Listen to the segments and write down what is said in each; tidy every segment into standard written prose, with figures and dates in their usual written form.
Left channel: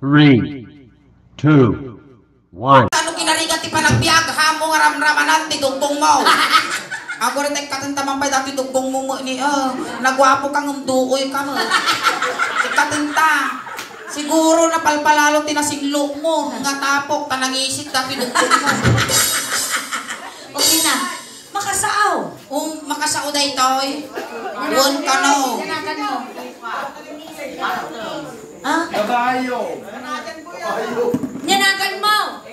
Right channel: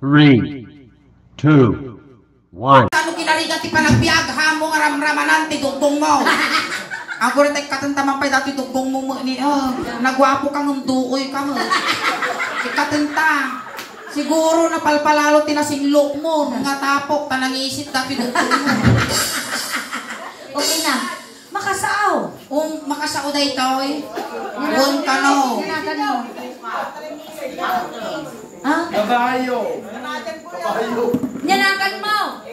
3, 2, 1. Ano kinarigat ti panagbiag hamo nga ramramanan ti dugbong mo. Ako rin tayo katintaman pa dati dugbong mo ni nagwapo kang umduoy ka mo. Katinta. Siguro napalpalalo tinasinlok mo. Nga tapok panangisip dati dugbong mo. Okay na. Makasaaw. Makasao da ito'y. Buon ka no. Nanagan mo. Ha? Kabayo. Nanagan mo.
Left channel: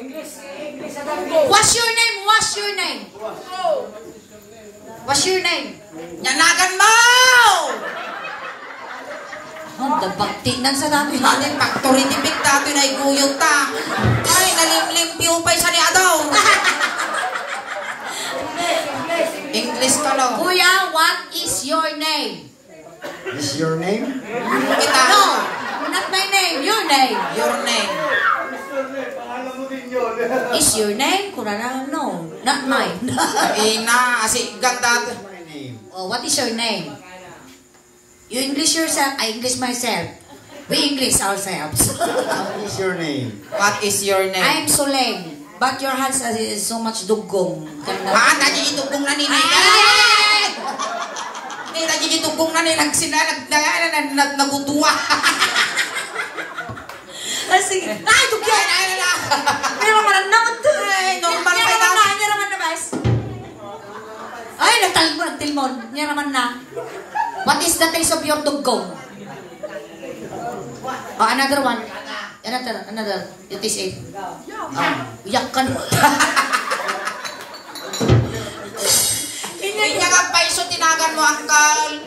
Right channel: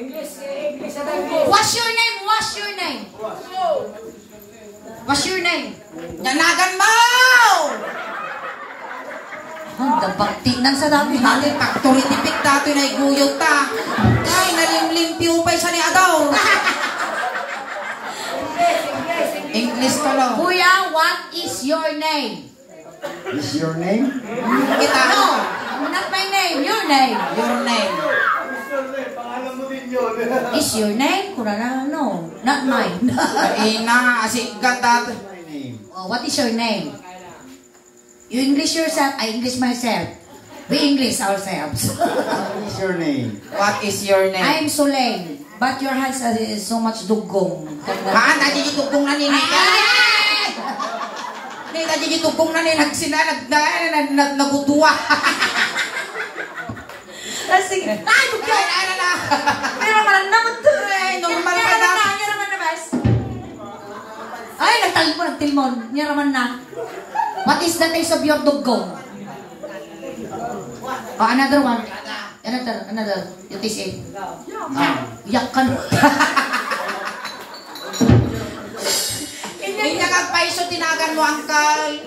What's your name? What's your name? What's your name? Nyanagan mo! Handa bakti nang sa dami. Bakit factory tipik dati na iguyog ta. Ay, nalimlimpyo pa sa ni Adaw. English ka no. Kuya, what is your name? Is your name? Kita No, not my name. Your name. Your name. Is your name? Kurang no, not mine. Ina, asik gata. My name. Oh, what is your name? You English yourself, I English myself. We English ourselves. What is your name? What is your name? I'm Soleng, but your hands is so much dugong. Maan, tadi itugong na ni Nita. Nita, tadi itugong na ni nagutuwa. Sige. Ay, dugyan! Pero naman ang nakot. Normal pa dati. Niya naman na, bas. Ay, nagtilmon. Niya naman na. What is the taste of your dugong? Oh, another one. Another. You taste it. Yak ka. Kanya ka paiso tinagan mo, Uncle.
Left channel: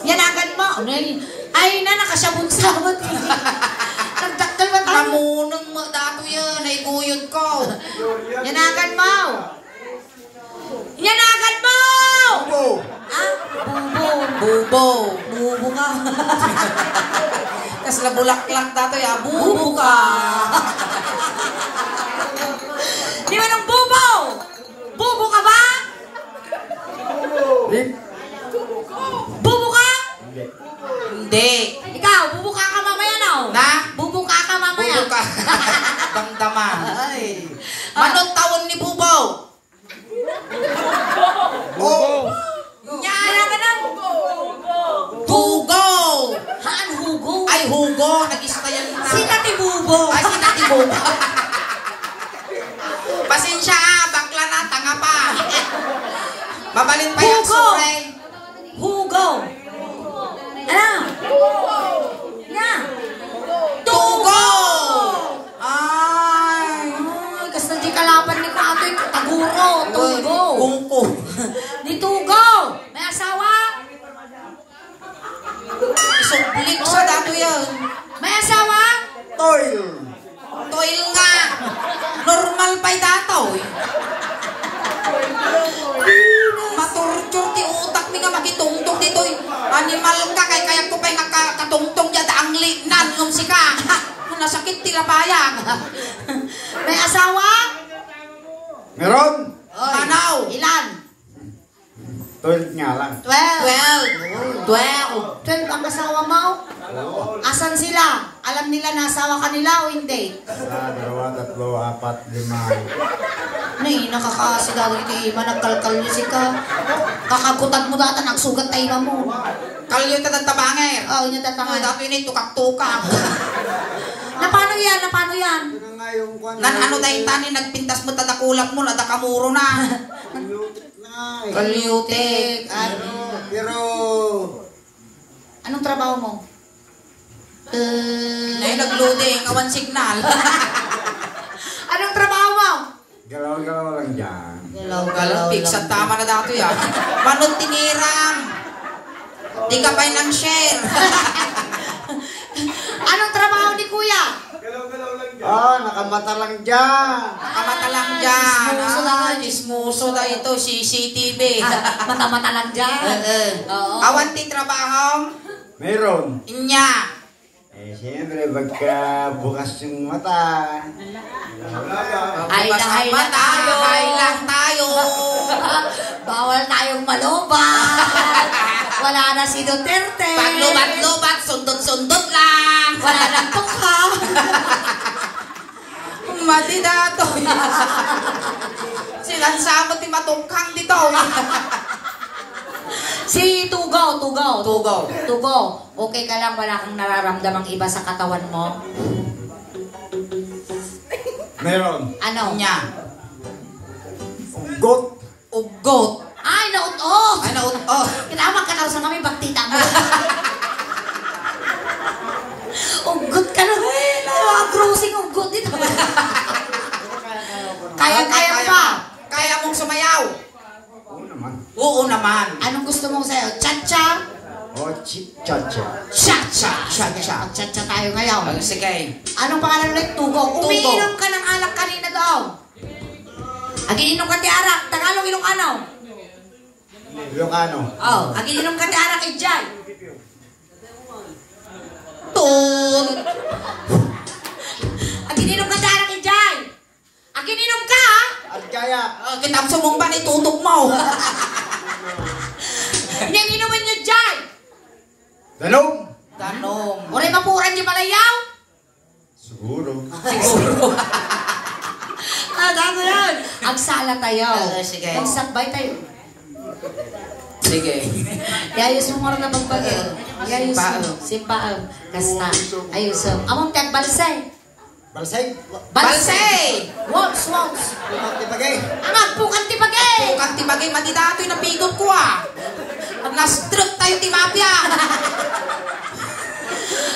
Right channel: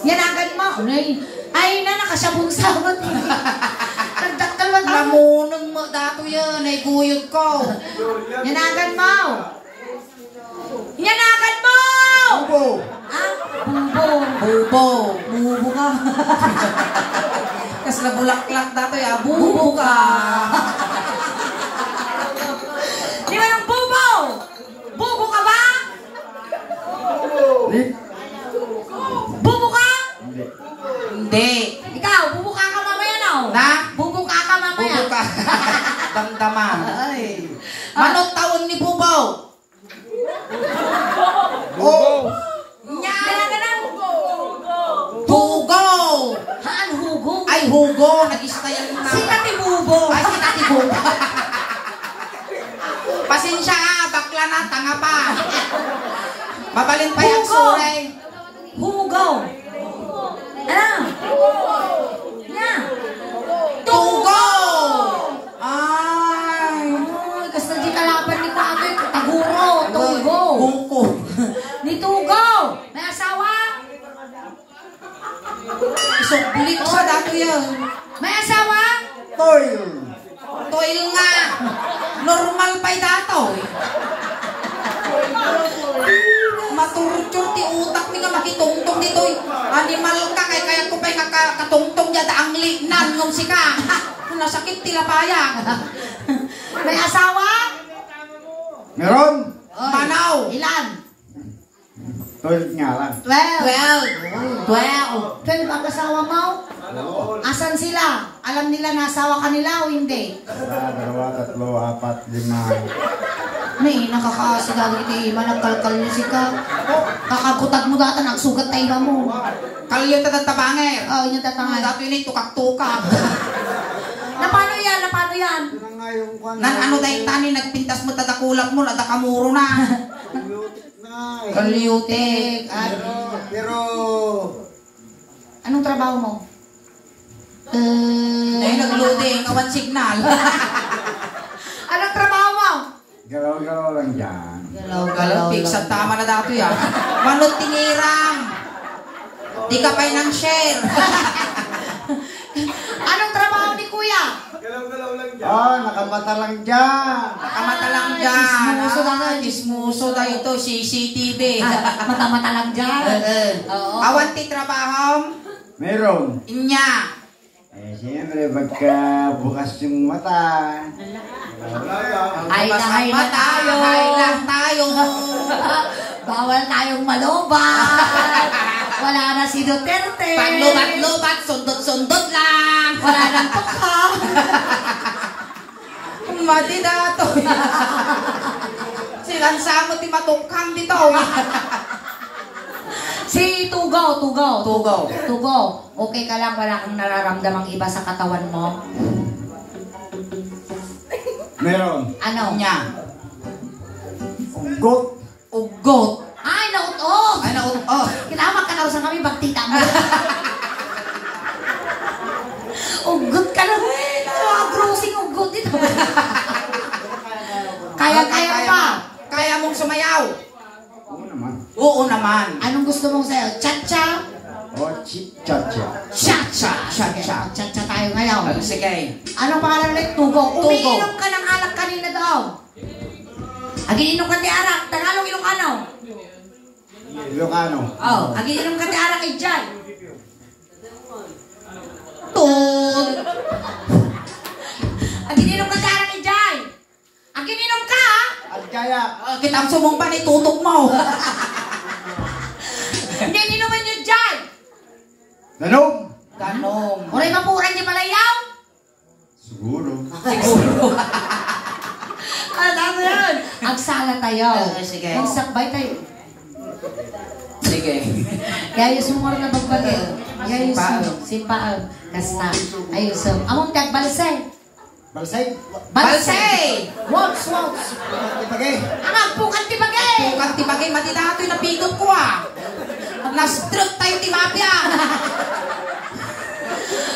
Yanagan mo. Ay na, nakasabog-sabot. Nagdaktal ba tayo? Lamunong mo dato yun, ay guyod ko. Yanagan mo. Yanagan mo! Bubo. Ah, bubo. Bubo. Bubo ka. Kas labulak-lak dato ya, bubo ka. Di ba ng bubo? Bubo ka ba? Lip. Bubo ka? Hindi. Ikaw, bubo ka mamaya na. Na? Bubo ka mamaya. Bubo ka. Damdaman. Ay. Manong taon ni Bubo? Bubo. Nyara ka na. Hugo. Haan, hugo? Ay, Hugo. Nag-istayan na. Si Tati Bubo. Ay, si Tati Bubo. Pasensya bakla na, tanga pa. Mabalin pa yung Hugo. suray. Hugo. Ano? Nya. Tugo! Ay. Ay, kasi di kalaban ni Katoy. Taguro. Tugo. Bungko. Ni Tugo. May asawa? Isuklik sa dato yan. May asawa? Toil. Toil nga. Normal pa'y dato. Maturtur ti utak mi nga makitungtong dito. Animal ka kay kaya ko pa'y katungtong yada ang linan ngom si ka. Nasakit tila payang. May asawa? Meron. Manaw. Ilan? Toil nga lang. 12. 12. 12 ang asawa mo? Asan sila? Alam nila na asawa ka nila o hindi? Isa, dalawa, tatlo, apat, lima. Nay, nakakasigado iti iba, nagkalkal niya si ka. Kakagutag mo data, nagsugat tayo mo. Kalyo tatantabanger. Oh, yun tatangan. Dato yun ay tukak-tukak. Na paano yan? Na paano yan? Ito na nga yung kwan. Nan ano dahil tani nagpintas mo tadakulap mo nadakamuro na. Lutik na eh. Kalyutik. Pero Anong trabaho mo? Dahil nag-loading, awan signal. Anong trabaho mo? galaw-galaw lang dyan. Galaw-galaw. Pix at tama na dato yan. Manong tinirang. Di ka pa'y ng share. Anong trabaho ni Kuya? Nakamata lang dyan. Nakamata lang dyan. Chismoso na nga. Chismoso na ito, CCTV. Matamata lang dyan. Oo. Awan ti trabaho. Meron. Inya. Siyempre, pagka bukas yung mata. Ay lang tayo. Ay lang tayo. Bawal tayong malobat. Wala na si Duterte. Paglubat-lubat, sundot-sundot lang. Wala nang tukha. Mati dato. Sinansamo ti matukhang dito. Si Tugaw. Tugaw. Okay ka lang, wala kang nararamdamang iba sa katawan mo? Meron. Ano? Nya. Ugot. Ugot. Ay, naut-ot! Ano? Oh. Kinamag ka daw sa kami, bagtita mo. Ugot ka na. Mga cruising ugot dito. Kaya pa. Kaya mong sumayaw. Oo naman. Oo naman. Anong gusto mong sa'yo? Cha-cha? O, cha-cha. Cha-cha. Cha-cha. Cha-cha tayo ngayon. Sige. Anong pangalan ulit? Tugo. Tugo. Umiinom ka ng alak kanina daw. Agiinom ka di arak. Tagalog Ilocano. Ilocano. Oh, agiinom ka di arak ijay. Tun. Agiinom ka di arak ijay. Agiinom ka ha? At kaya. Kitang sumumpa ni tutok mo. Hindi inuman nyo dyan. Danog. Tanong. Uray mapuran di malayaw. Siguro. Siguro. Ano yan? Agsala tayo. Sige. Magsakbay tayo. Sige. Yayos mo nga na bagbalik. Yayos mo. Sipaal. Sipaal. Kasta. Ayos mo. Among tag balsay. Balsay. Balsay! Waltz. Tipagay. Ang agpukan ti bagay. Kung tibagay matidato'y napigot ko ah. Na-stroke tayo ti mafia.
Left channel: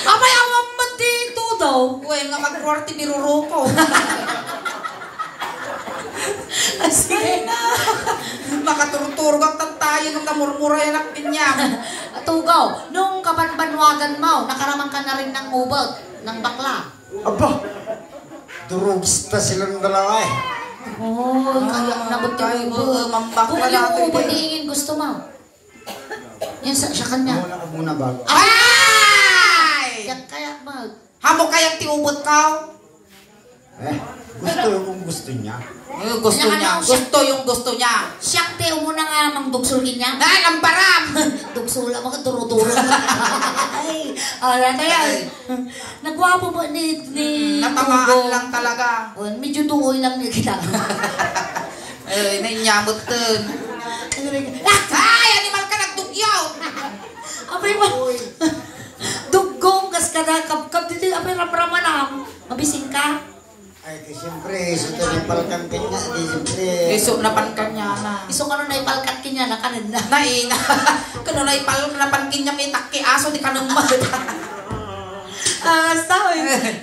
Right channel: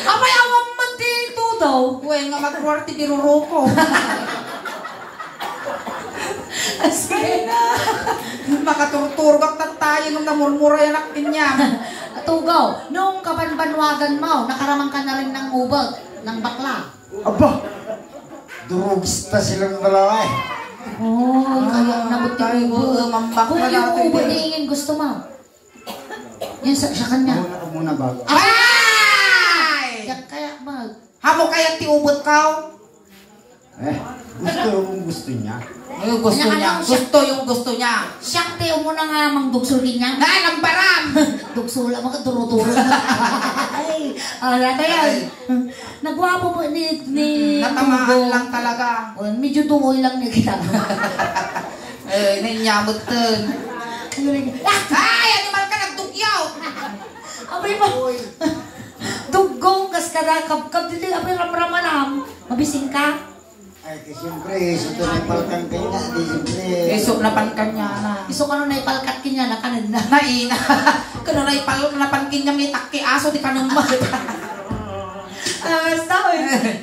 Abay, awang magdito daw. Well, nga mag-40 ni Ruroko. Sige na. Makaturturgak na tayo nung namurmura yung nakpin niya. Tugaw, nung kabanbanwagan mo, nakaramang ka na rin ng ubot, ng bakla. Aba. Durugista silang dalawa eh. Oh, kaya nabot tayo, yung ubot. mambak Kung na yung natin ubot eh. iingin gusto mo. Yan sa kanya. Muna ka muna bago. Ay! Yan kaya mag. Hamo kayang tiubot ka? Gusto kung gusto niya. Gusto niya. Gusto niya. Siyang teo mo na nga mang dugsulin niya. Dahil ang param! Dugsula mo ka, duro-duro. Ay, yan na yan. Nagwapo mo ni Natamaan Tugo. lang talaga. Oh, medyo tungoy lang niya kita. Nainyamot dun. Ay! Animal ka nagdugyaw! Abay mo. Dugong kas kada kap dito abay ramrama lang. Mabising ka. Ay, kasi siyempre, ito na palkan ka nga. Di siyempre. Iso na pankan niya na. Iso ka na naipalkat kinya na kanan na. Naina. Kano na ipalong na pankin niya may takki aso di ka nang mag. Basta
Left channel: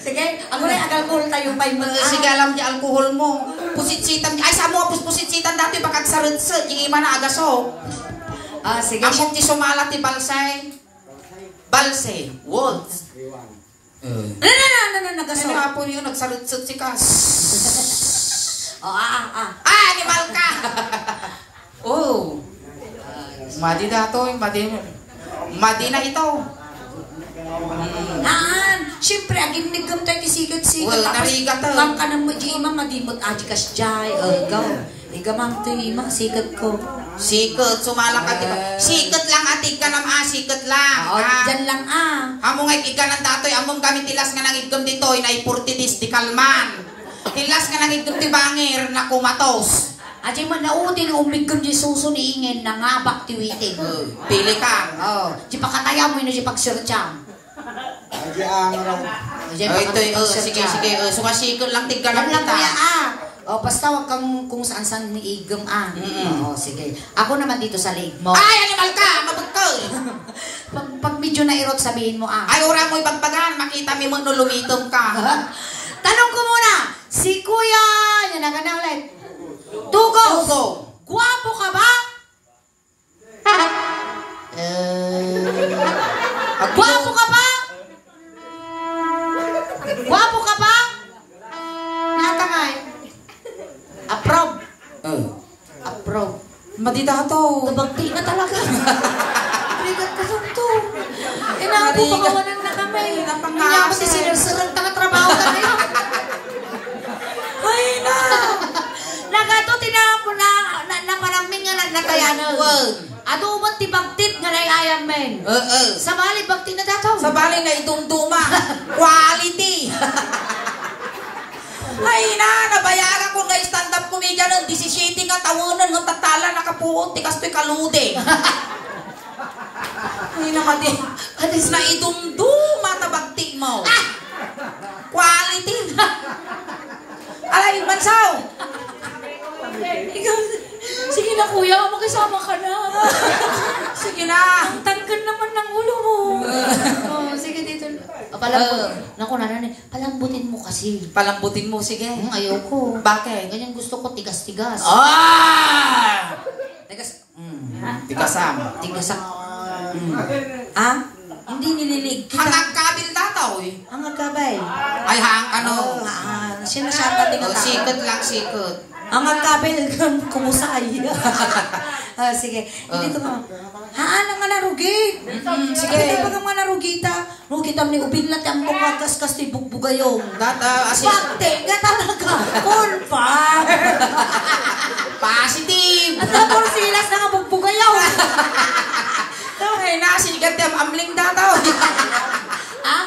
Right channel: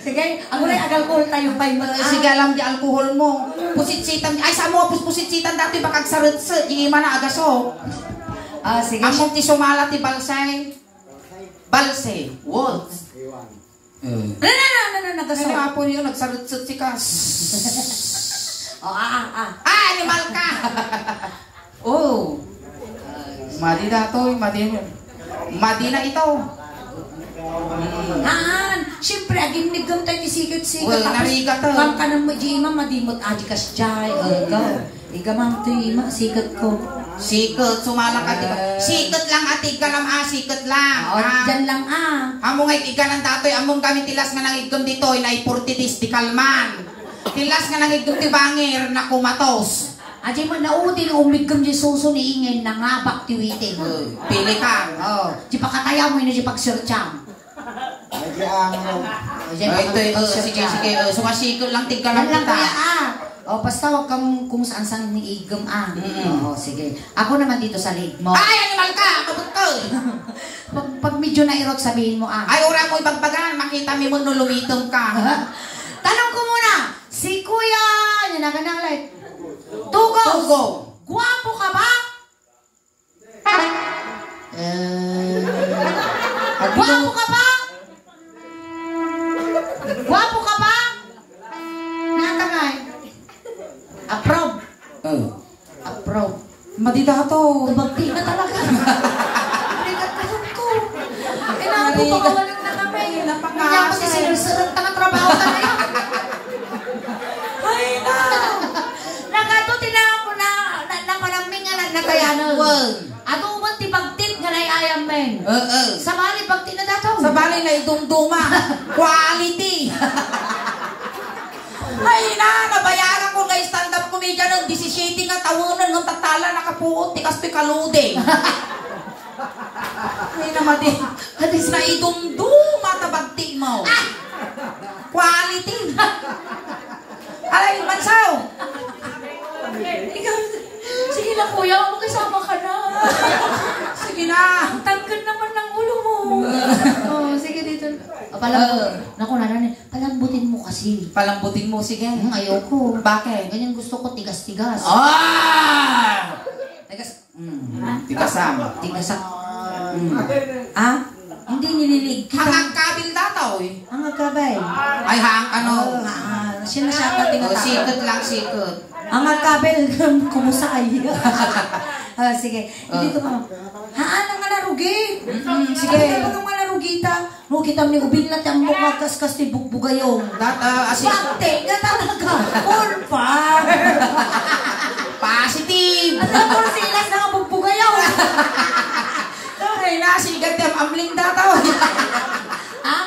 sige, ako na alcohol tayo pa yung mga. Sige alam di alkohol mo. Pusitsitan. Ay sa mo pusitsitan dati bakag sarut sa di man na agaso. Sige. Ang ti sumala ti balsay. Balsay. Wolves. Nagaso. Ano nga po yun, nagsarut-sut si Kas. Animal ka! Oh. Madi na to, madi na ito. Naan, siyempre, agim nigam tayo isigat-sigat. Well, narigat to. Kam ka nang di imang madimot, aji kas jay, gaw. Igamang to imang sigat ko. Sikat, sumala ka, diba? Sikat lang, atig ka naman, sikat lang. Dyan lang Among ay ika ng datoy, among kami tilas nga nangigam dito, inay 40 dis di kalman. Tilas nga nangigam ti bangir na kumatos. Aji mo nautin umigam di suso ni ingin na nga bak tiwiting. Pili ka. Di pa kataya mo yun di pagsurcham. Ay, ano. Ito, sige, sumasikot lang, tigka Yan lang lang kita. kaya basta wag kang kung saan-saan ni igam Oo, sige. Ako naman dito sa leg mo. Ay, animal ka, mabot ko. Pag medyo nairot, sabihin mo Ay, ora mo ipagpagan, makita mo no lumitom ka. Tanong ko muna, si Kuya, yan na ka ng light. Tugos! Tugo. Guwapo ka ba? Guwapo ka ba? Guwapo ka ba? Natangay. Approve. Approve. Madidato. Nabagti na talaga. Prigat ko to. Inaabo pa kawalan na kami. Kaya ako si sinursurang tanga-trabaho ka ngayon. Ay na. Nagato, tinapo na maraming nga nagkayano. Ado mo ti pagtit nga ayam men. Sa bali pagtit na dataw. Sa bali na idumduma. Quality. Ay na, nabayaran ko nga stand-up comedian ng 17 nga tawonan ng tatala nakapuot ti kastoy kaludeng. Ay naman din. Hadis na idumduma tabagti mo. Quality. Alay, Matsaw. Ikaw, sige na kuya, makisama ka na. Sige na. Ang tangkad naman ng ulo mo. Oh, sige dito. Naku, palambutin mo kasi. Palambutin mo, sige. Ayoko. Bakit? Ganyan gusto ko, tigas-tigas. Ah! Tigasam. Tigasak. Ah? Hindi nililig kita. Hanggang kabil dataw eh. Ang agkabay. Ay, ano? Sinasama din Oh, sikot lang, sikot. Ang agkabay, kumusta kayo? Sige. Hindi ko ma... Haan ang narugi. Sige. Hindi ko mga narugita. Rugita ni ubin lang ang mukha kaskas ni bugbugayong. Asin. Bakte, nga talaga. All far. Positive. At tapos silas na bugbugayaw. Ay, nasigat yung amling dataw. Ah?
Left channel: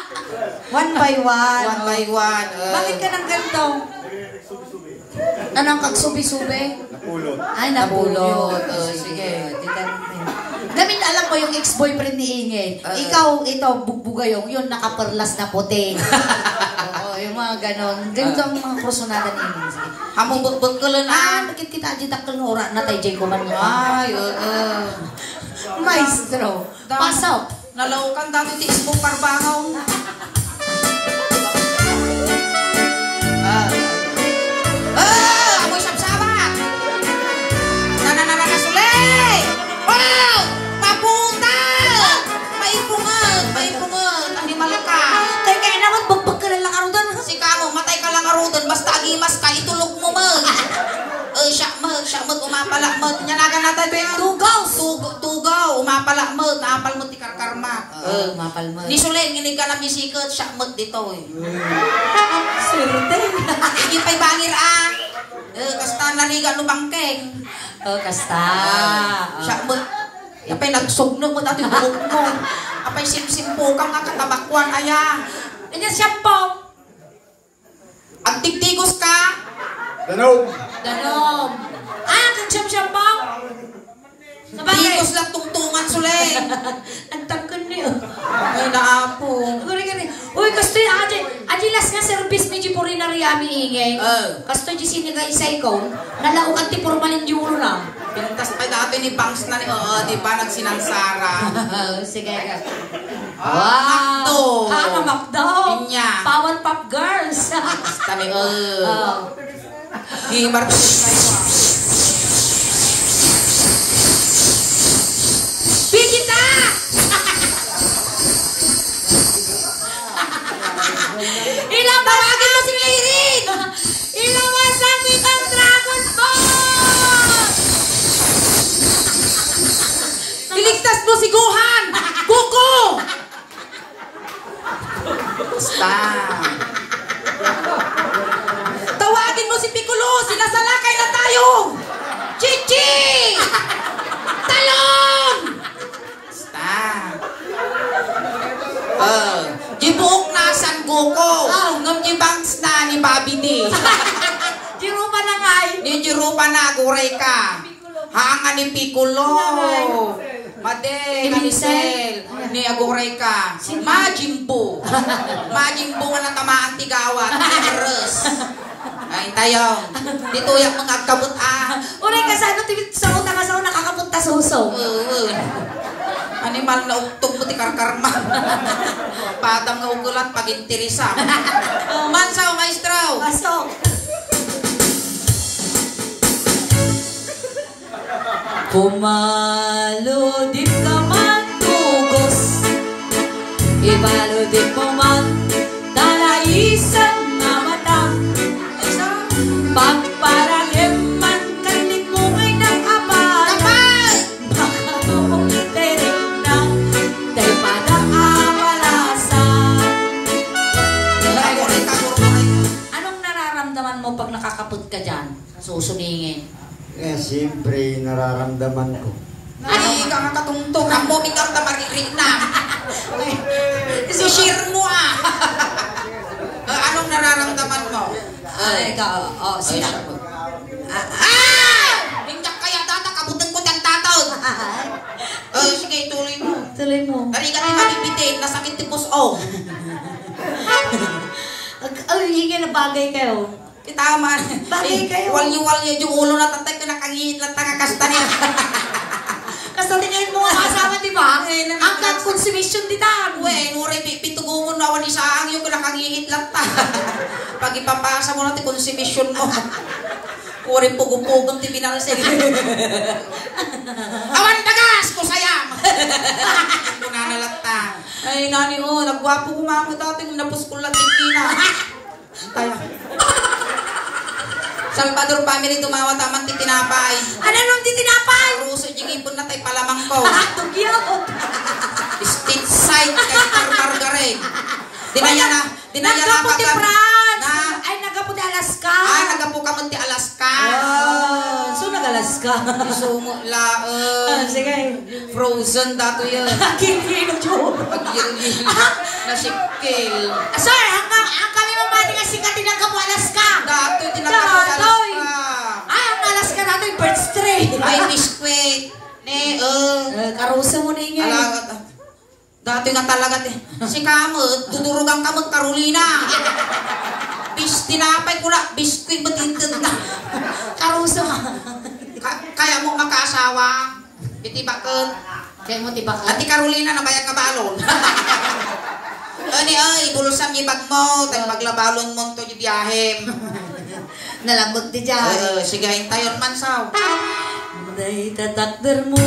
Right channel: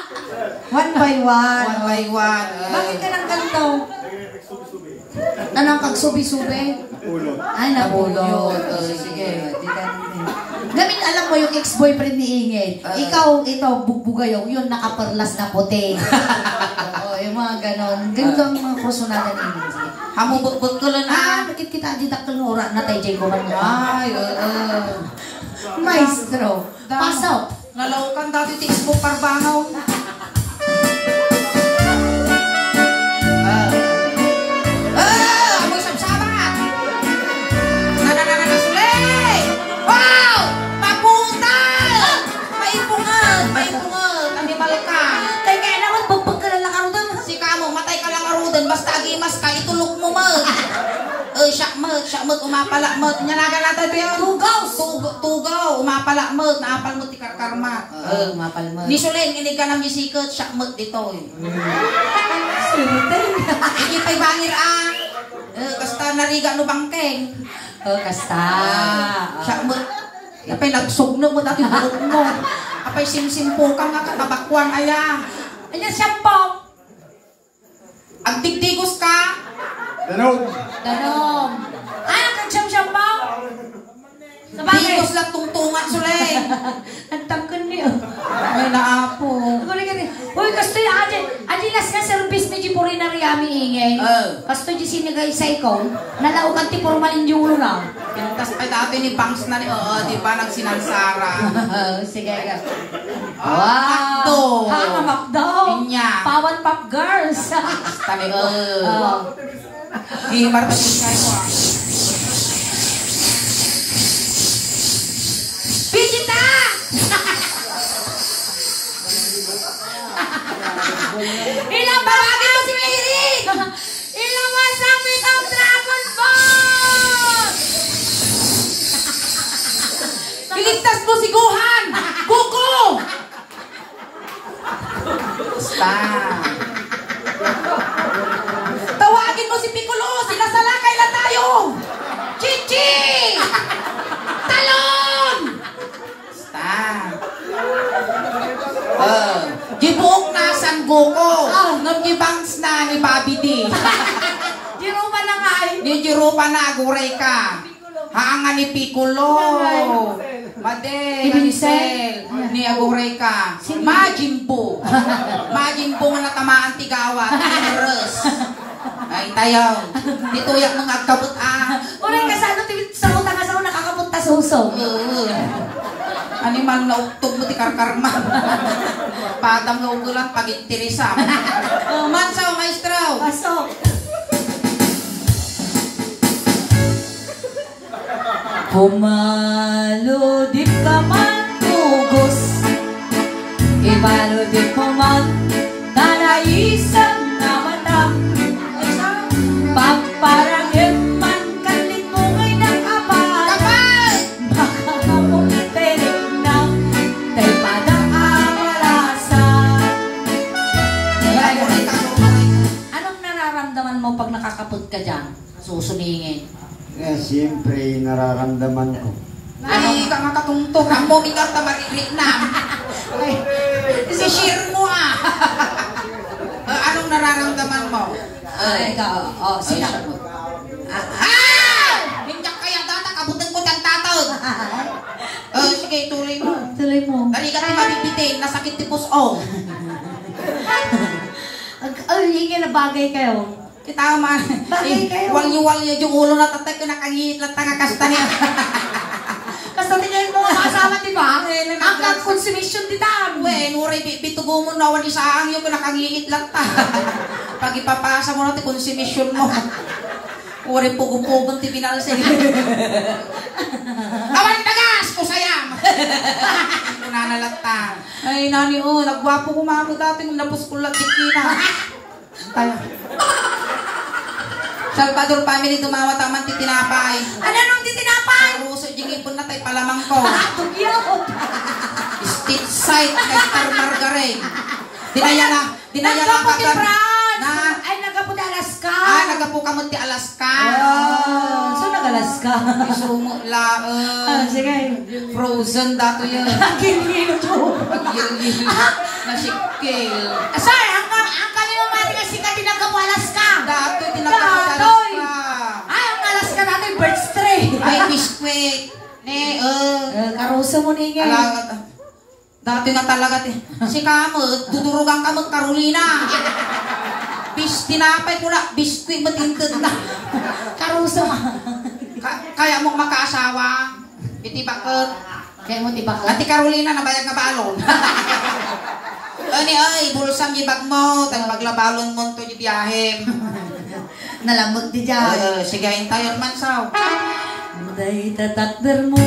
One by one. One by one. Bakit ka ng ganito? Anong kagsubi-subi? Napulot. Ay, napulot. Sige. Gamit alam mo yung ex-boyfriend ni Ingrid. Ikaw, ito, bugbugayong, yun nakaperlas na puti. Oo, yung mga ganon. Ganito ang mga personalan ni Ingrid. Sige. Hamubot-bot ko lang Bakit kita di takal mo oras na tayo dyan kuman mo? Ay, Maestro, pasok. Nalaukan dati ti isbo parbangaw. Amoy sabsabat. Nanananasulay. Wow! Papunta! Maipungan! Animal ka. Tayo kaya naman, bugbog ka na lang ano doon. Si kamo, matay ka lang karudan. Basta agimas ka, itulog mo mo. Siya mo, umapalak mo. Nyanagan natin ba yun? Tugaw, umapalak mo. Naapal mo ti karkarma. Mapal mo. Ni Suling, inig ka na misikot. Siya mo dito eh. Swerte. Hindi pa'y bangir ah. Kasta nariga no bangkeng. Kasta. Siya mo. Apay nagsugno mo dati buhok mo. Apay simsimpo ka nga katabakwan aya. Ano siyampo? Ang tigtigos ka. Danog. Danom. Kang siyam-siyampo? Sa bagay. Tigos lang tungtungan Suling. Nagtangkan niyo. Ay naapo. Gani. Uy, kasto aji las nga service medyo puri na riyami ingay. Kasto di sinigay sa ikaw, nalaukan ti formalin yung na. Pinuntas pa dati ni Banks na di ba nagsinansara. Sige. Makdo. Makdo. Pinya. Pawan Pop Girls. Tani Gimar pa siya ko. Pijita! Ilang tawagin mo si Irene! Ilang masakit ang Dragon Ball! Iligtas mo si Gohan! Goku! Basta. Tawagin mo si Piccolo! Sinasalakay na tayo! Chichi! Talon! Basta. Gibuok na San Goku. Nung gibangs na ni Bobby D. Jirupa na nga eh. Ni Jirupa na aguray ka. Haanga ni Piccolo. Made, ni Sel, ni aguray ka. Majin Buu. Majin Buu nga natamaan tigawat. Terus. Ay tayo. Dituyak ng agkabot Unay ka sa ano, sa utang sa nakakapunta suso. Animal na uktog mo ti karkarma. Padam nga ugulat pagintirisa. Mansaw, maestro. Pasok. Pumalo di ka man ugos, ibalo di mo man talaisan na mata. Pagparagin man kalit mo ngay ng apal, baka mong iterik na tay padang awalasan. Anong nararamdaman mo pag nakakapod ka dyan? Susuningin. Siyempre, nararamdaman ko. Ay, ka makatungtong. Ang mo mingat na mariri na. Si-share mo anong nararamdaman mo? Ikaw, sila. Minyak kaya tata, kabutan ko ng tatawag. Sige, tuloy mo. Tuloy mo. Dari ka tayo mabibitin, nasakit tipos o. Hingin na bagay kayo. Kita man. Bagay kayo. Walyo-walyo yung ulo na tatay ko nakangihit lang tagakasta niya. Kasi tingnan mo mga kasama, di ba? Hanggang consumption di tan. Nuray, bitugo mo na wani saang yung nakangihit lang ta. Pag ipapasa mo natin consumption mo. Uri pugong-pugong ti binalsig. Awan dagas ko sayang. Nanalata. Ay nani nagwapo ko mamo dati kung napos ko lang tikina. Tayo. Salvador family tumawa taman ti tinapay. Ano nung di tinapay? Ruso jing ipon na tay palamang ko. Tugyo. Street side kay Star Margaret. Dinaya na Nagaputi kapag- France. Na- Ay, nagaputi Alaska. nagapo ka man ti Alaska. So, nag-Alaska. Isumo la Sige. frozen dato yun. Kini-kino jo. Pag-yil-yil na sikil. Sir, ang kami mamati nga sikat tinagapo Alaska. Dato tinatapos sa Datoy. Alaska. Ay, ang Alaska natin, birds tray. Ay, biskwit. Ne, Karusa mo ni nga. alagat. Dati nga talaga si kamot, dudurugang kamot Carolina. Bis tinapay ko na, biskwit matintid na. Karusa. Kaya mong makaasawa. Bitibakot. Kaya mo tibak. Ati Carolina, nabayag nga balon. Ani ay, bulsam ibag mo, tag maglabalon mo to yung biyahe. Nalambot di dyan. Sige, hintayon man saw. Day tatakder mo.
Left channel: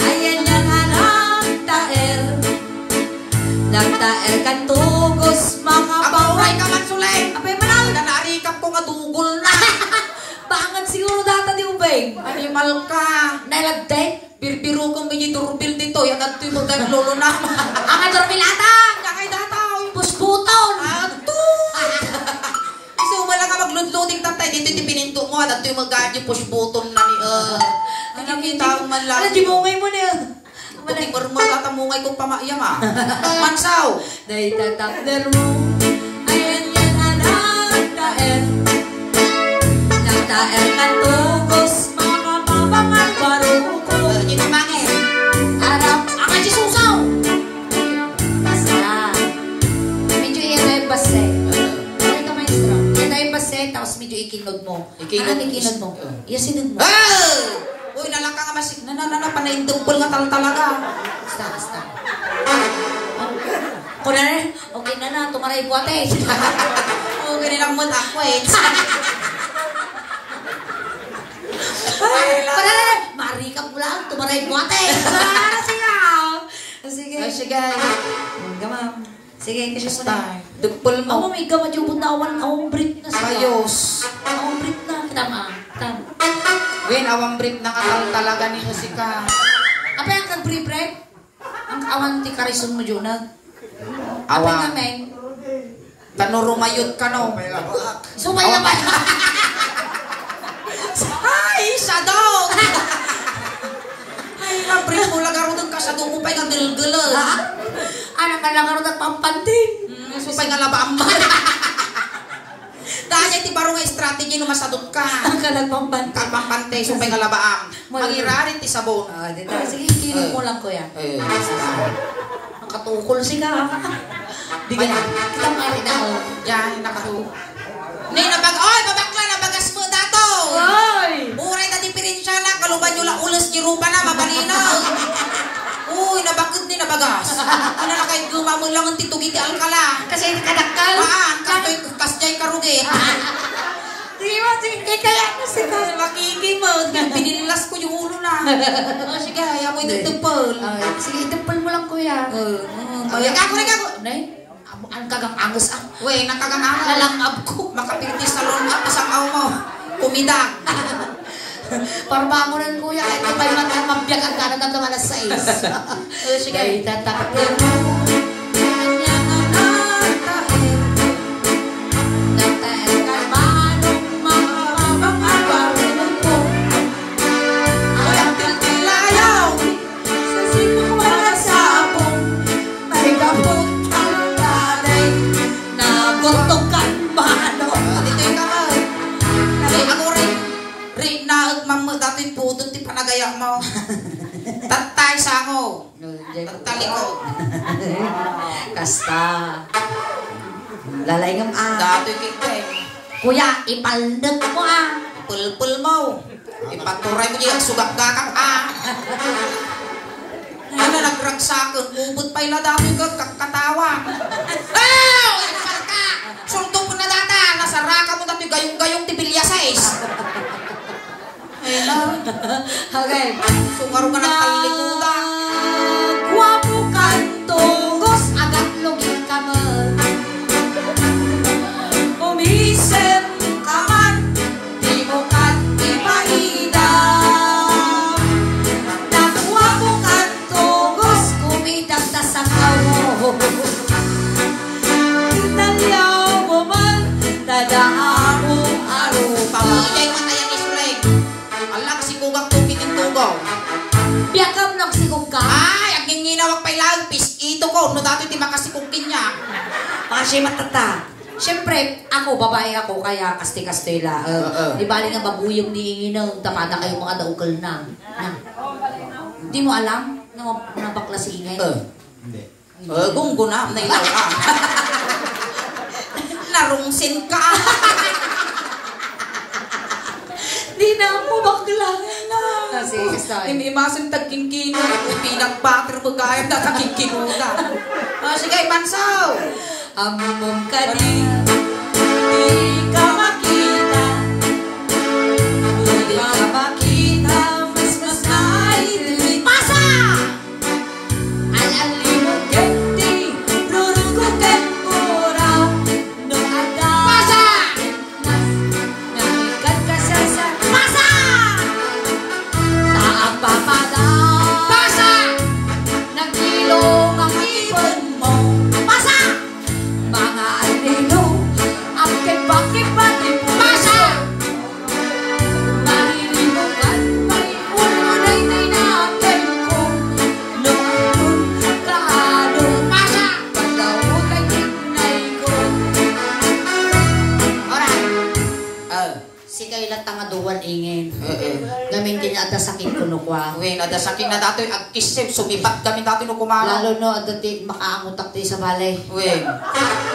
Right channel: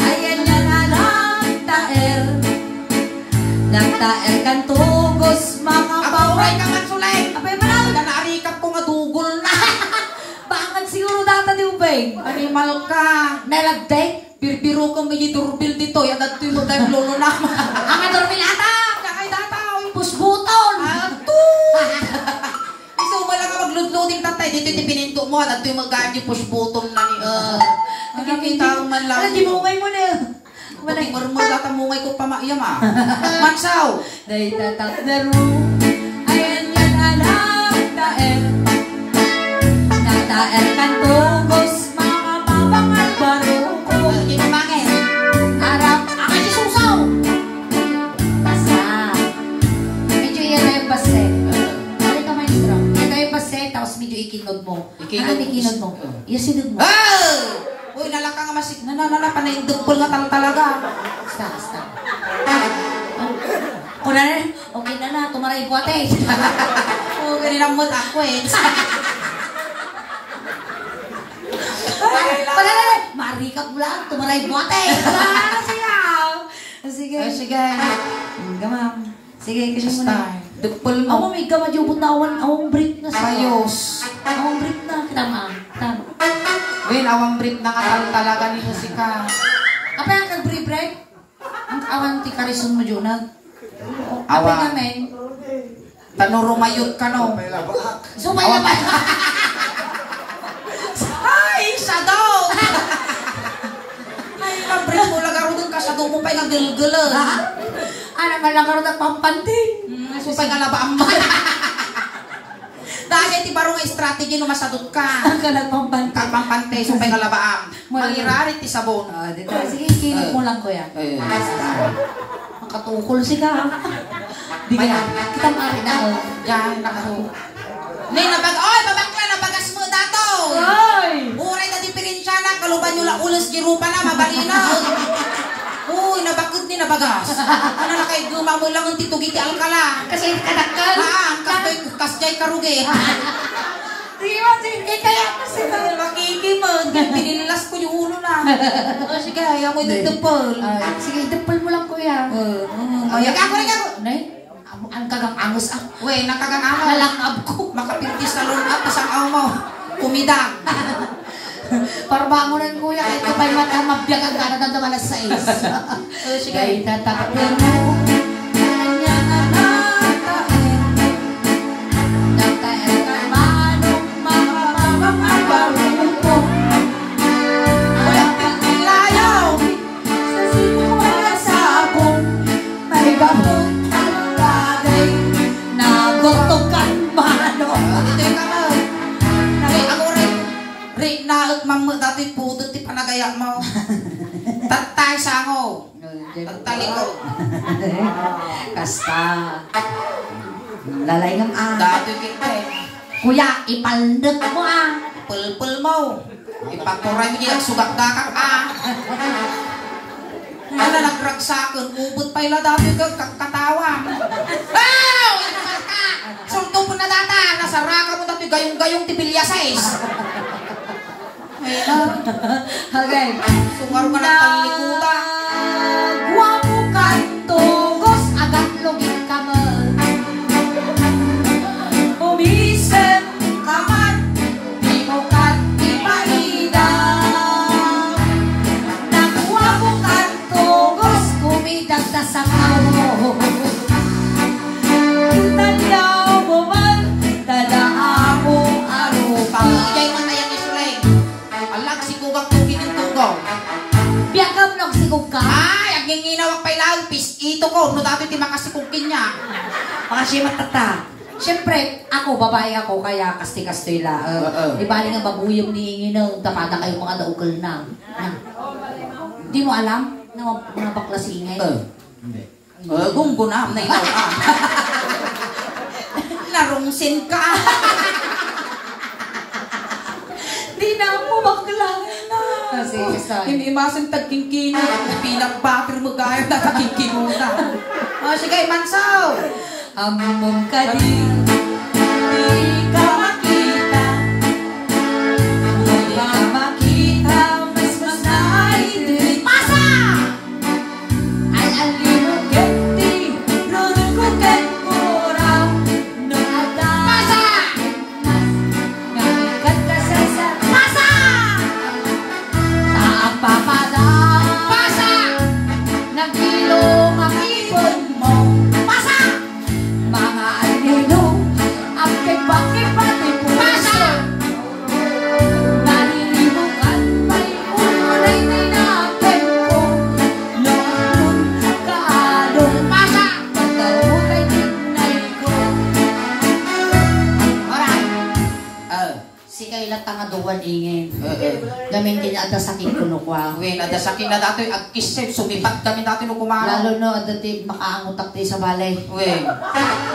Ayan yan anak taer. Nagtaer kan tugos mga Apahuay baway. ka man sulay. Apay manawid. Naarikap ko nga dugol na. Bakit siguro data di ubay? Animal ka. Nalagday. Birbiro kong biji turbil dito. Yan at mo tayo lolo na. Ang adormilata. Yakay dataw. Pusbuton. Ato. Iso mo lang ka magludluding tatay. Dito yung pininto mo. At yung mag-guard yung push button na ni... Nakikita man lang. Ano, di mo ngay mo na. Buting marmol tatamungay ko pamayam Mansaw. Day tatakder mo. Ayan yan anak taer. Nagtaer kan tugos mga babangan baruko. Dito mangin. Arap, ang susaw. Basa. Medyo iyan na yung base. Ano ka maestro? Ito yung base, tapos medyo ikinod mo. Ikinod mo. Iyasinod mo. Hey! Uy, nalaka nga masik. Panahindugpol nga talaga. Basta. Kung na okay na, tumaray buwate. Oo, ganyan mo ako Kung na, marikap mo lang, tumaray buwate. Sige. Sige. Gamam. Sige, kasi mo na. Dugpol Ako mo. may gamad yung buntawan, akong break na siya. Ayos. Akong break na, kinama. Tan. Win, awang brief na katal talaga ni musika. Apa yang nag-break? Ang awan ti karison mo, Jonah. Apa Awan. nga, men? Tanurumayot ka no. Sumay na ba? Ay, sa daw! Ay, mag-brief mo lagaro doon ka sa doon mo pa'y nagdilgala. Ano nga lang karoon at pampantin? Supay nga labaang mo. Dahil ti baro nga strategy no masadot ka. Ang kalang pampantin. Tapang pante, supay nga labaang. Magirarit ti sabon. Dito. Sige, kilip mo lang, kuya. Ang katukol si ka. Di ka na. Kita marinal. Yan, nakatu. Nay, babakla, nabagas mo dato. Ay! Muray na diferensya na, kaluban nyo lang ulas girupa na, mabalina. Uy, nabakit ni nabagas. Ano na kayo, gumamo lang ang titugiti alkala. Kasi kadakal. Kasjay karuge. Di mo, sige, kaya na si ka. Makiki mo, pinilas ko yung ulo na. O sige, ayaw mo itutupol. Sige, tepal mo lang, kuya. Ay, ako. Nay, ang kagang angus ah. Uy, nakaganawa. Nalangab ko. Makapirtis na lon up sa kaw mo. Kumidang. Para bangon na yung kuya, kahit iba'y mabiyag ang kanadang na malas 6. Sige. Ay, tatakdir mo. Kanyang anak taer. Nagtaer ka manong mga babang abarong mo. Uy, ang tiltilayan. mo dati pudot ti panagaya mo. Tatay sango. Taliko. Kasta. Lalay ngam Dati kita Kuya, ipaldot mo pulpul mo. Ipaturay mo diyan sugak gakak Ano nagragsakan, ubod pa ila dami katawa. Oh! Ipal ka! Sulto po na data, nasaraka mo dati gayong-gayong tibilya size. Okay. Sungaro ka ng palikuta. Guwapo kantogos agad login kamar. Umisem kamar, di mo kat ipaidam. Nagwapo kantogos, kumidag na sa kao. Nalaw mo man, dadaan mong arupa. Pamijay mo na yan isuleng. Alak si kugang tukitin tugaw. Biyagam nagsigog ka. Ay, ang ginginawag pa ilang pis. Ito ko, no dati ti makasikugin niya. Kasi matata. Siyempre, ako, babae ako, kaya kasti-kastoy la. Di bali nga babuyong ni Inginaw, tamada kayo mga daukal na. Di mo alam na bakla si Ingay? Hindi. Gunggo na, nailaw ka. Narungsin ka. Di na mo bakla na. Kasi, Hindi masang tagkingkino. Pinagbatir mo gaya na tagkingkino na. Sige, Mansaw. amom ka din, di ka makita. Di ka makita, mas ay pasa! Alalimot genti, rurugugan mo raw. Nung ada pasa! Namikat ka sa pasa! Taang papada pasa! Nagilong ang ibon mo pasa! Mga alino ang kipa-kipa di pumasa. Malilimukan may ulunay tinakin ko. Noon kaadon pasa pagdaw kay tinay ko. Alright. Si kailan tangaduan ingin. Gamin din ada sakit kuno kwa. Uy, ada saking na dato'y agkisip. Sumipat kami dati no kumano. Lalo no, dati makaangutak di sa balay. Uy,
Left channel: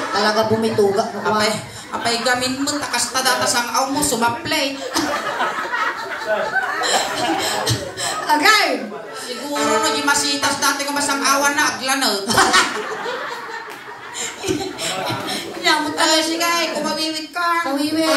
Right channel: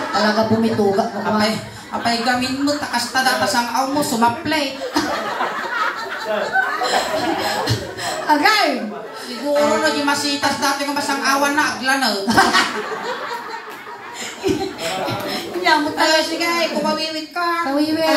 Talaga bumituga mo kwa. apay gamin mo, takas ta data sang aw mo, sumaplay. Agay! Siguro na di masitas dati kung masang awan na aglanag. Nyamot ka Ay, sige, kumawiwit ka. Kawiwi.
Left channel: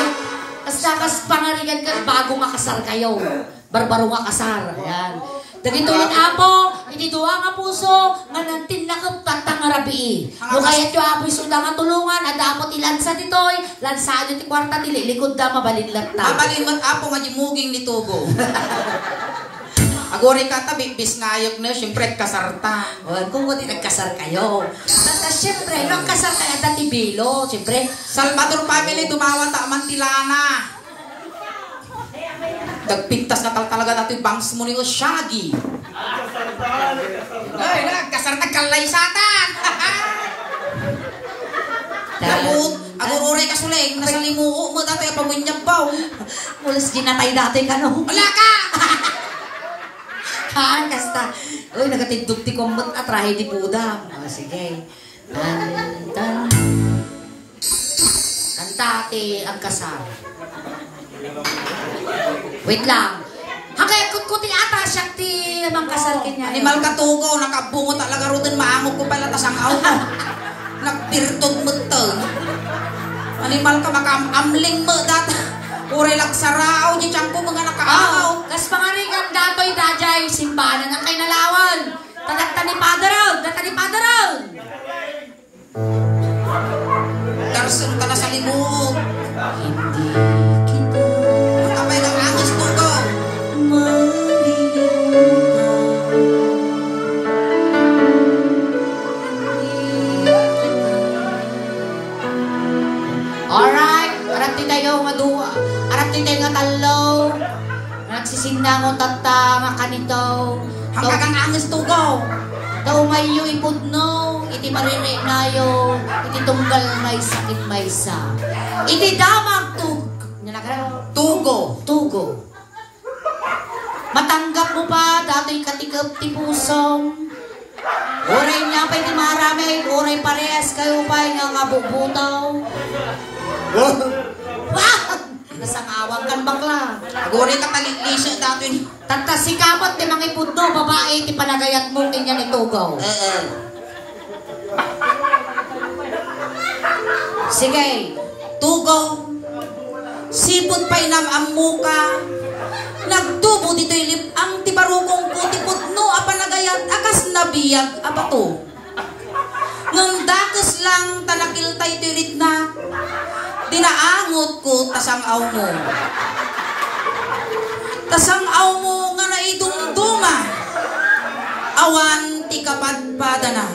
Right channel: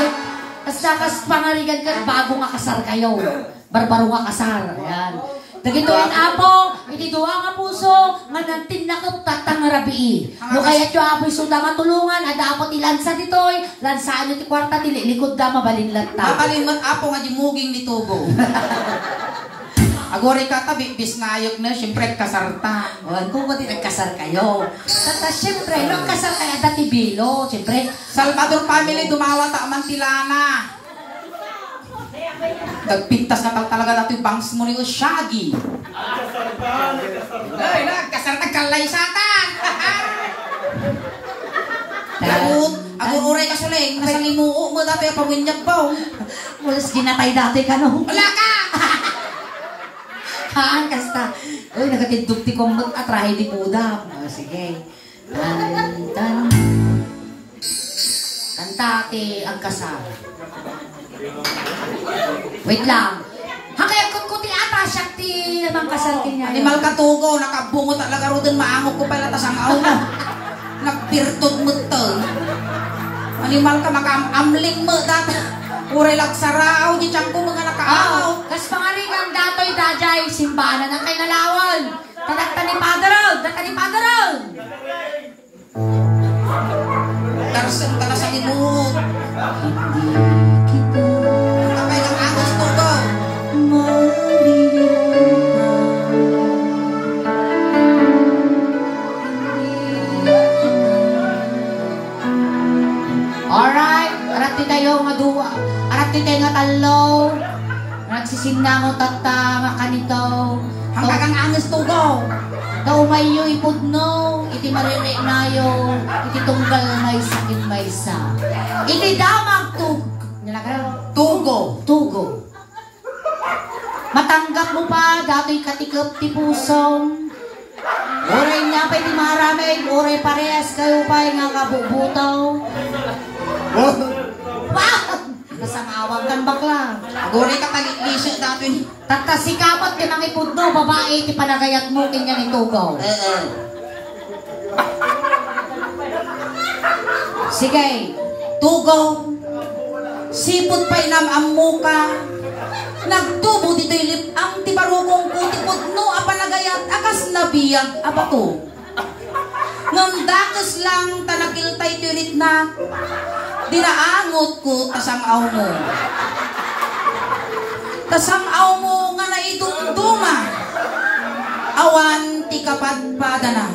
Basta kas pangaligan ka, bago nga kasar kayo. Barbaro nga kasar. Ayan. Dagituin apo, hindi doa nga puso, nga nantin na katang rabi. No kaya tiyo apo'y suda nga tulungan, ada apo ti lansa ditoy, lansa nyo ti kwarta dili, likod da mabalinlat ta. Mabalingot apo nga di muging ni Tubo. Agore ka tabi, bisngayog na, siyempre kasarta. O, kung hindi nagkasar kayo. At siyempre, nung kasar kayo dati bilo, siyempre, Salvador family, dumawa ta mantilana. Nagpintas na talaga dati bangs mo ni Shaggy. Ay, nagkasar nagkalay satan. Agururay ka suling, nasa limuo mo dati pamunyag ba? mulas ginatay dati ka no. Wala ka! Haan, kasta. Uy, nagatindog ti komot at rahi di pudam. O, sige. Kanta. Kanta ti ang kasal. Wait lang. Hanggang kuti ata siya ti ang kasal kanya. Animal katugo, nakabungo talaga ro din maangok ko pala tas ang aw mo. Nagpirtod mo to. Animal ka makamamling mo data. Uray lagsarao, di tiyang ko mga nakaaw. Kas pangaringan datoy dajay, simbahan na kay nalawan. Tadakta ni Padaraw, data ni Padaraw. Darsen tala sa limog. Hindi kita Apay kang angas tugo. Alright, arap ti tayo nga duwa. Arap ti tayo nga talo. Nagsisinda mo tata nga kanito. Hanggang kang angas tugo. Daw mayo ipudno, iti marire nayo, iti tunggal may sakit may sa. Iti damag tug. Nalakaraw. Tugo. Tugo. Matanggap mo pa, dato'y katikap ti pusong. Oray niya pa'y di maramay, oray parehas kayo pa'y nga kabubutaw. Nasangawang kan bakla. Gore ka talisya dato ni. Tagkasikapot ti mangipudno, babae ti panagayat mo kanya ni Tugaw. Sige, Tugaw. Sipot pa'y namammo ka. Nagtubo dito'y lipang ti barugong ko ti pudno a panagayat akas nabiyag abato. Ngam dakes lang tanakil tay tirit na. Dinaangot ko tasang-aw mo. Tasang-aw mo nga naidumduma. Awan ti kapadpada na.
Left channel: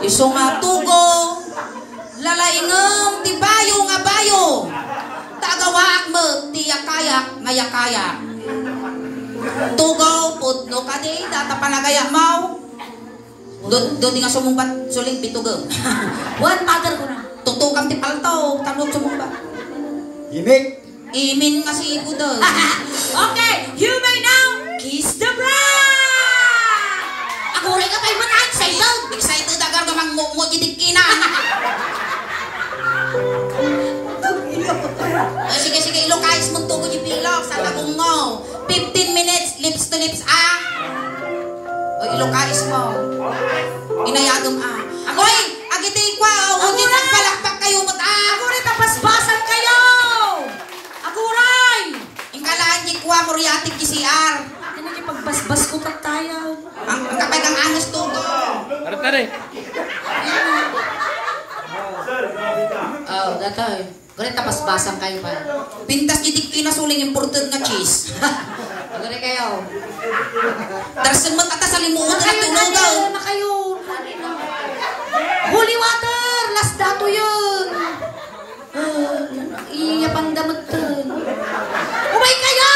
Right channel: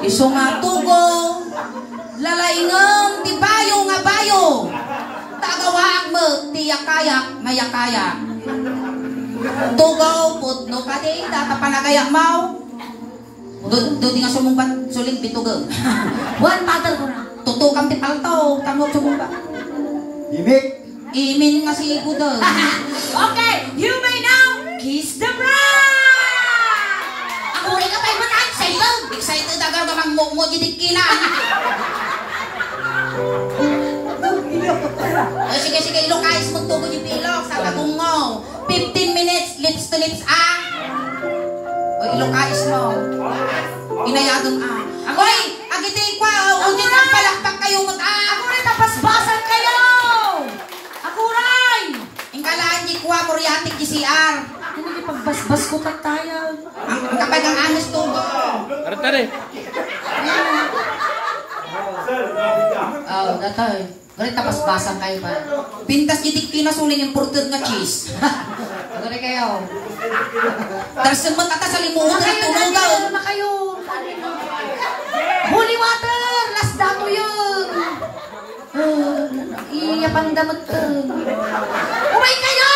Iso nga tugo. Lalaingam ti bayo nga bayo. Tagawag mo ti yakaya nga yakaya. Tugo pudno ka di data panagaya mau. Do di nga sumumbat suling bitugo. Buwan pater ko na. Tutukam ti palto, tanong sumumbat. Imin nga si Budol. Okay, you may now kiss the bride! Ako rin ka tayo excited. Excited agad gamang mo gidikinan. Sige, ilokais mo tubo yung pilok sa patungo. 15 minutes, lips to lips, O, ilokais mo. Inayadong, Oy, agiti kwa, ugin ang palakpak kayo, Ako rin, tapasbasan kayo! Akuray! Ingkalaan di kwa, muriatik kisiar. Ano yung pagbasbas ko tayo? Ang kapag ang anis tubo. Tara. Datoy. Gano'n tapasbasan kayo pa. Pintas jidik kinasuling imported nga cheese. Gano'n kayo. Darsan mo tata sa limuot na tunugaw. Na kayo. Holy water! Last dato yun. Iyapandamot ka. Umay kayo!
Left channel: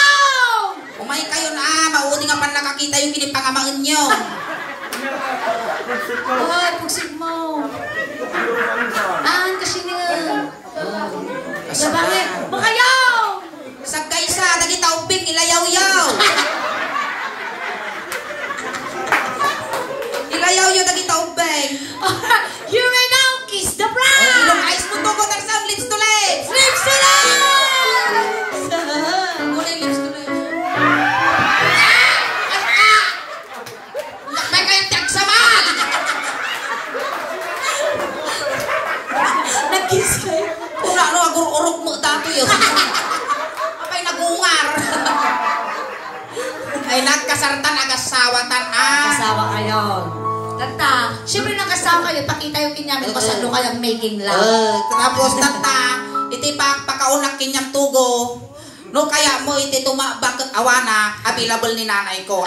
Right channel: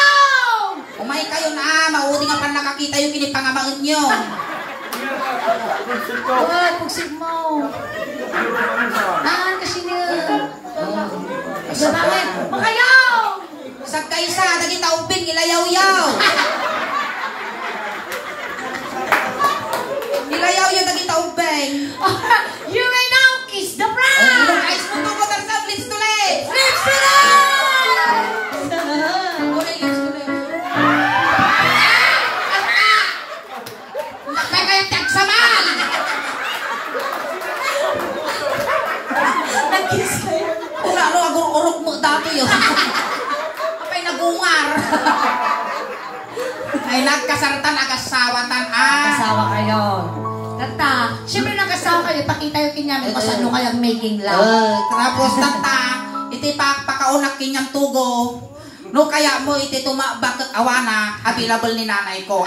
Umay kayo na, maudi nga pan nakakita yung kinipangamangan nyo. Pugsig mo. Kasi nga. Sabangit. Makayaw! Sagkaysa, dagi tauping, ilayaw-yaw. Ilayaw-yaw, dagi tauping. You may now kiss the bride! Ilong ayos mo to, Kotarsang, lips to lips. Lips to lips! Muna yung lips to lips. Nakbay kayo tiyagsamal. Nag-kiss kayo. Ano, agur-urog mo dato yun. Apay nagungar. Ay, nagkasaratan, agasawatan, Nakasawa kayo. Tata, syempre nakasawa kayo, pakita yung kinyami ko sa ano kayang making love. Tapos tata, iti pakaunak kinyang tugo. No, kaya mo iti tumabak awana, available ni nanay ko.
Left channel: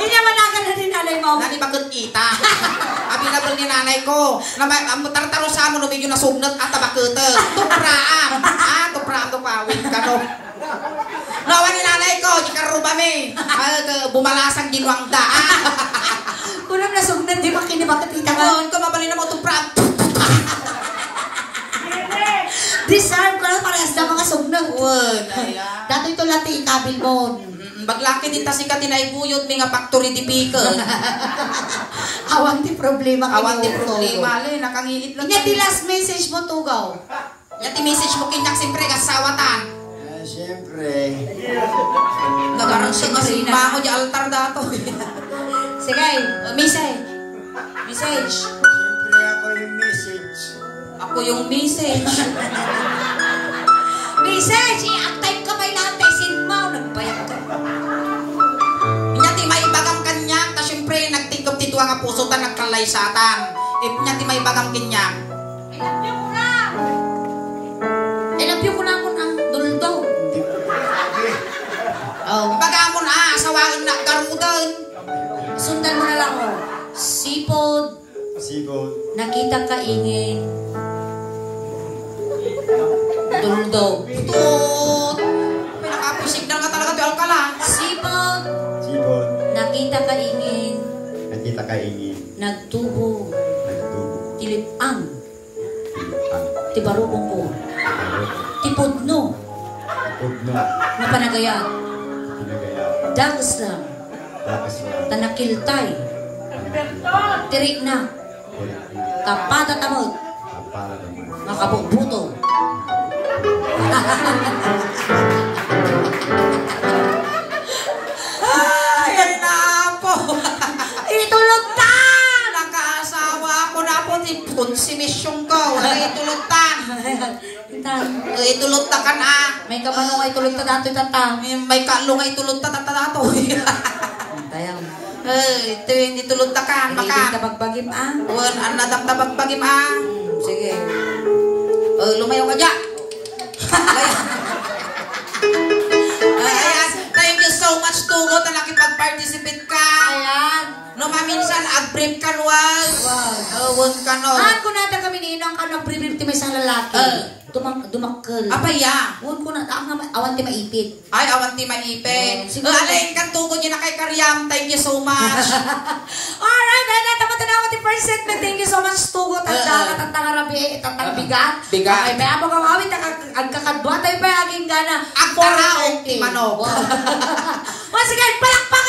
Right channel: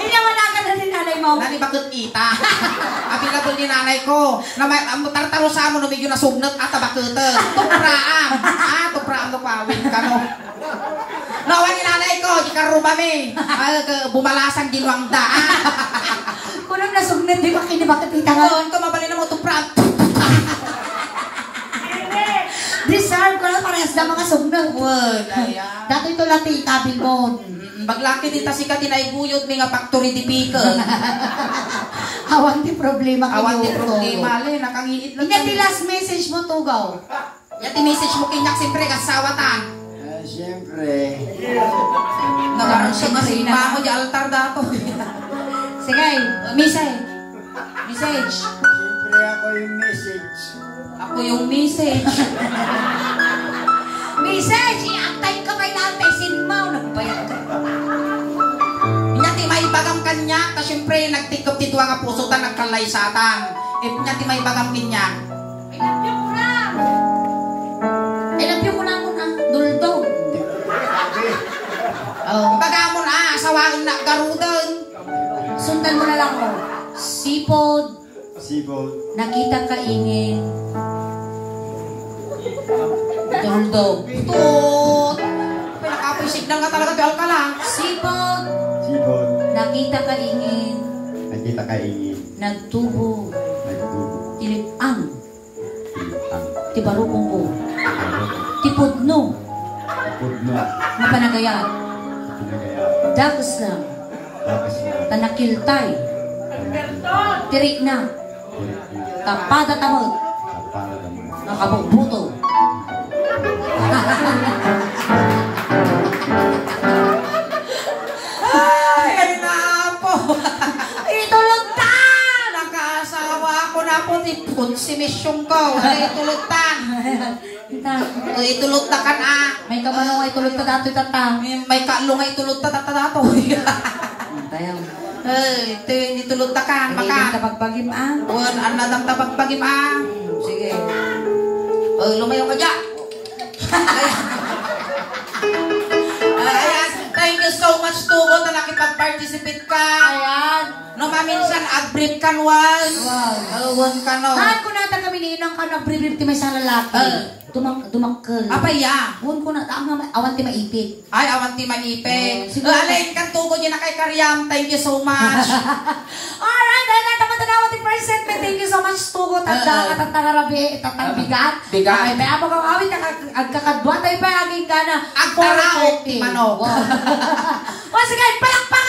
Hindi naman na rin nanay mo. Nani bakit kita? Available ni nanay ko. Na may tartaro sa mo no medyo nasugnat at bakete. Tupraam. Tupraam to pawin ka no. Nawa ni nanay ko, di karuba mi. Bumalasang ginwang daan. Kunang nasugnat, di ba kinibakat kita ka? Noon ko mabalin na mo tupraam. Deserve ko na parehas na mga sugnat. Word. Dato ito lati ikabil mo. Baglaki din ta sika tinaybuyot mi nga factory di pickle. Awan di problema. Awan di problema le nakangiit lang. Inya di last message mo tugaw. Yati message mo kinyak siyempre kasawatan. Siyempre. Nagaroon siya masimba mo di altar dato. Sige, message. Message. Siyempre ako yung message. Ako yung message. Message! I-active ka may lantesin mo. Nagbayag ka. Inyati may bagam kanya. Ta siyempre nagtikop tituwa nga puso ta nagkalay satan. Inyati may bagam kanya. I love you ko na. I love you ko na ako ng duldog. Bagamon sawagin na garudan. Sundan mo na lang ako. Sipod. Sipod. Nakita ka ingin. Duldog. Tut. Pinakapisig na nga talaga di alkala. Sipod. Sipod. Nakita ka ingin. Nakita ka ingin. Nagtubo. Nagtubo. Tilipang. Tilipang. Tibarubong ko. Tipudno. Pudno. Mapanagayat. Pinagaya. Dakas lang. Tapos na. Tanakiltay. Tirik na. Tapada tamod. Kapagan. Nakabugbuto. Ay, na po. Itulog ta! Nagkaasawa ako na po. Konsumisyon ko. Itulog ta. Itulog ta ka na. May kabano ay tulog ta dato tatang. May kalong ay tulog ta tatatato. Kaya Ito yung itulog ta ka. hindi Baka. tapagbagim ah. Uwan, anadang tabagbagim ah. Sige. Lumayo ka dyan. Ayan. Thank you so much, Tugo, na nakipag-participate ka. Ayan. No, maminsan, ag-brief ka was. Wow. Uwan ka no. Haan ko na kami ninang ka nag-brief ti may sa lalaki. Dumakkel. Apaya. Huwag ko na awan ti maipit. Ay, awan ti maipit. Siguro. Alin, kan Tugo niya na kay Karyam. Thank you so much. Alright, dahil natamad ti first segment. Thank you so much, Tugo. Tanda ka, tatangarabi, tatangbigat. Bigat. Ay, may abang ang awit, agkakadwa tayo pa, aging gana. Agkaraog ti manok. Once again, palakpak!